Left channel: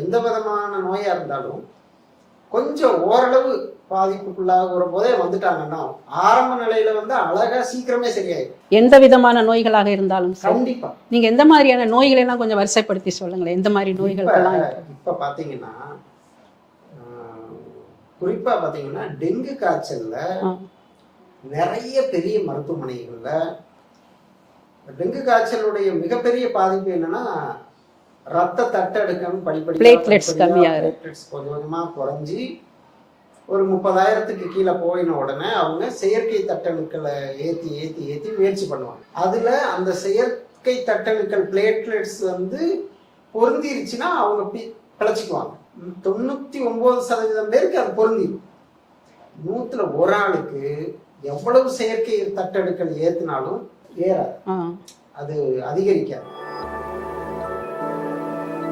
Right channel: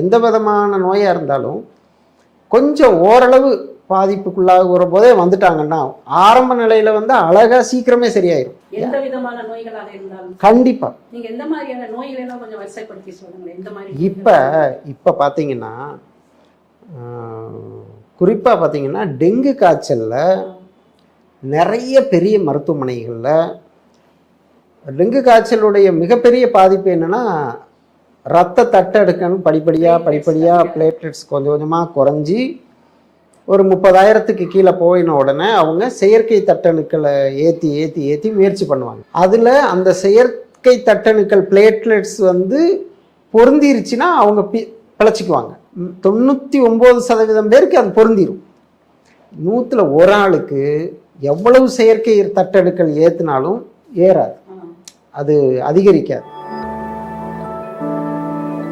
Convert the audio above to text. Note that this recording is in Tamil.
எந்த விதமான நோயாக இருந்தாலும் கொஞ்சம் ஓரளவு பாதிப்புக்குள்ளாகிற போதே வந்துட்டாங்கன்னா ஆரம்ப நிலையில வந்து அழகா சீக்கிரமே சரியாயிடும் எந்த விதமான நோய்களாக இருந்தாலும். கண்டிப்பா. நீங்க எந்த மாதிரியான நோய்களை எல்லாம் கொஞ்சம் வரிசைப்படுத்தி சொல்லுங்களேன். எந்த மாதிரி இப்ப நோய்கள் இப்ப பாத்தீங்கன்னா குறிப்பா பாத்தீங்கன்னா டெங்கு காய்ச்சல்ல. நிறைய பெரிய மருத்துவமனைகள்ல டெங்கு காய்ச்சலுடைய மிகப்பெரிய பாதிப்பு என்னன்னா ரத்த தட்டெடுக்கணும் படிப்படியா Platelets படிப்படியா கம்மியா பிளேட்லெட்ஸ் கொஞ்சம் கொஞ்சமா குறைஞ்சி ஒரு முப்பதாயிரத்துக்கு கீழே போயின உடனே அவங்க செயற்கை தட்டணுக்களை ஏத்தி ஏத்தி ஏத்தி முயற்சி பண்ணுவாங்க. அதுல அந்த செயற்கை தட்டணுக்கள் பிளேட்லெட்ஸ் வந்து பொருந்திருச்சுன்னா அவங்க பி பிழைச்சிக்குவாங்க ம், தொண்ணூத்தி ஒன்பது சதவீதம் பேருக்கு அது பொருந்திரும். நூத்துல ஒரு ஆளுக்கு எவ்வளவு செயற்கை தட்டெடுக்கல் ஏத்துனாலும் ஏறாது. அது அதிகரிக்காது.